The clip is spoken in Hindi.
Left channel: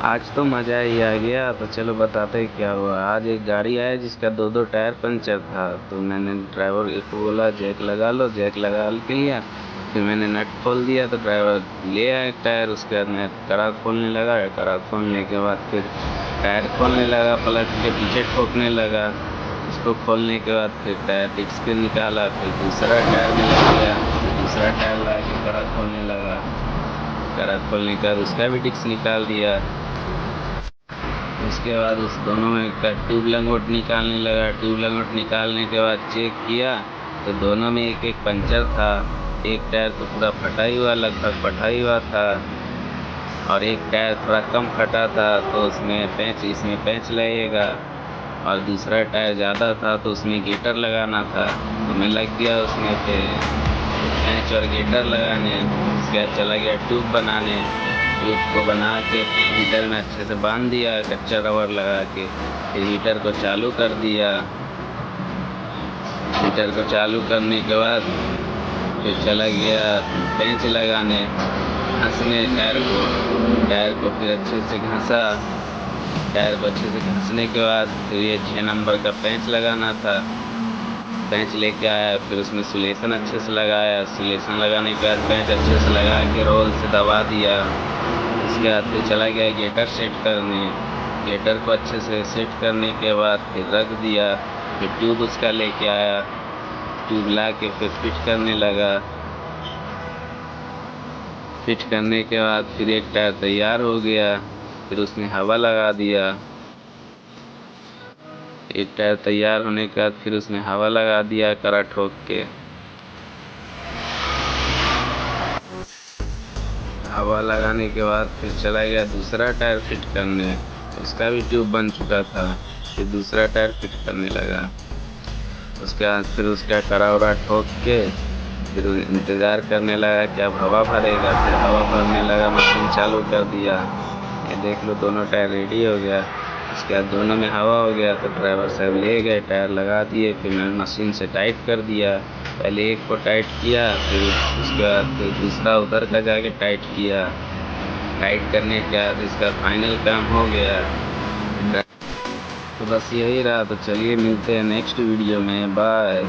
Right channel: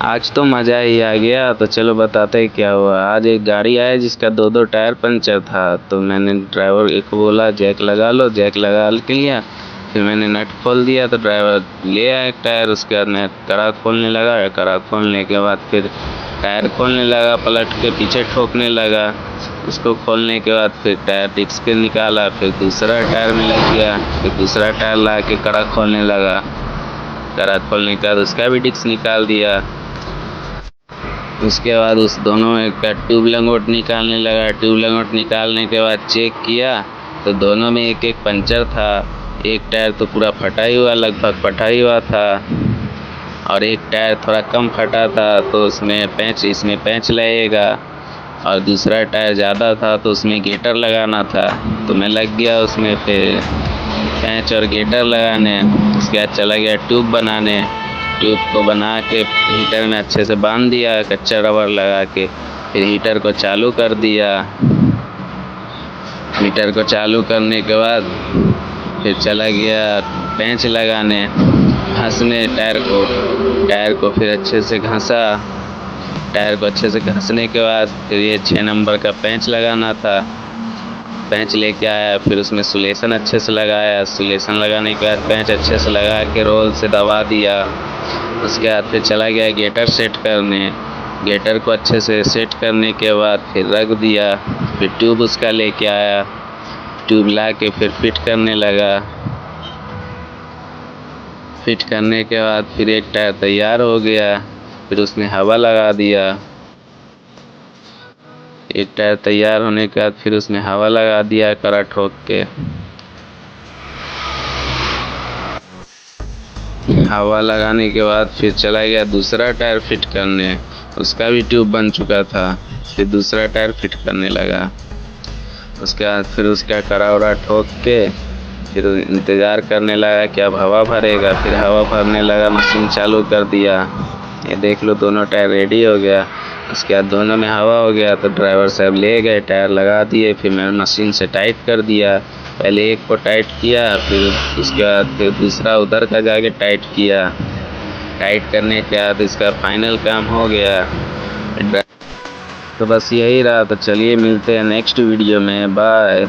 आज तो मज़ा ही आ गया। तो चलो बताते हैं क्या हुआ। आज एक गाड़ी आया जिसका दो दो टायर पंचर था। तो मैंने ड्राइवर को बोला जैक लगा लो, जैक लगा लिया। फिर मैंने नट खोल दिया तो ड्राइवर ले आया एक टायर। उसके बाद मैं कड़ा खोलने लगा। कड़ा खोलने के बाद फिर टायर खोलने लगा, पलट के पीछे ठोकने लगा। उसको खोलने के बाद फिर टायर डिस्क के निकाला, फिर दूसरा टायर में लग गया। फिर दूसरा टायर ला के कड़ा खोलने लगा। कड़ा खोलने के बाद उसका भी डिस्क निकाल दिया। उसके बाद उस दोनों का ट्यूब लंगोट निकालने लगा। ट्यूब लंगोट निकालने के बाद चेक किया तो दोनों में एक एक पंचर था। एक टायर तो पूरा फटा ही हुआ, लगभग फटा ही हुआ था, और एक टायर थोड़ा कम फटा था तो इसमें पैंच लगेगा। और दूसरा टायर ज़्यादा था तो उसमें गेटर लगाना था। तो मैं लग गया उसमें फिर पैंच और गेटर लगाने। उसके बाद चला गया ट्यूब बनाने। ट्यूब को बना के हीटर में अच्छे से बांध दिया कच्चा रबर लगा के। फिर हीटर को चालू कर दिया। हीटर को चालू करने के बाद फिर चला गया पेंच लगाने, घसने टायर को फिर अच्छे से घसा। टायर को अच्छे से घसने के बाद फिर ये 6 नंबर का पेंच लगाना था। पेंच लेके आया, फिर उसमें सुलेशन अच्छे से लगाया। सुलेशन लगाने के बाद पेंच अच्छे से लगा के रोल से दबा दिया। उसके बाद फिर चला गया गेटर सेट करने। गेटर को अच्छे से सेट करने के बाद फिर रख दिया। फिर ट्यूब उसका लेके आया। ट्यूब ला के फिर फिट करने लगा। फिट करने के बाद फिर एक टायर तैयार हो गया। फिर उसमें हवा लगा दिया। एक टायर तैयार होने के बाद फिर उसमें हवा लगा दिया कड़ा ठोक के। हवा लगाने के बाद फिर चला गया दूसरा टायर फिट करने। उसका भी ट्यूब बन चुका था। फिर दूसरा टायर फिट करने लगा। उसके बाद फिर उसका कड़ा उड़ा ठोक के फिर इंतज़ार करने लगा कि अब हवा भरेगा। फिर हवा भरने लगा, मशीन चालू कर दिया। ये देख लो दोनों टायर रेडी हो गया। उसके बाद दोनों में हवा हो गया तो ड्राइवर साहब ले गए, टायर लगा दिए। फिर मैं मशीन से टाइट कर दिया। पहले एक को टाइट किया, फिर उसके बाद फिर दूसरा उधर का जाके टाइट किया। टाइट करने के बाद इसका फाइनल काम हो गया। तो बस यही रहा। तो चलिए मिलते हैं नेक्स्ट वीडियो में। बाय।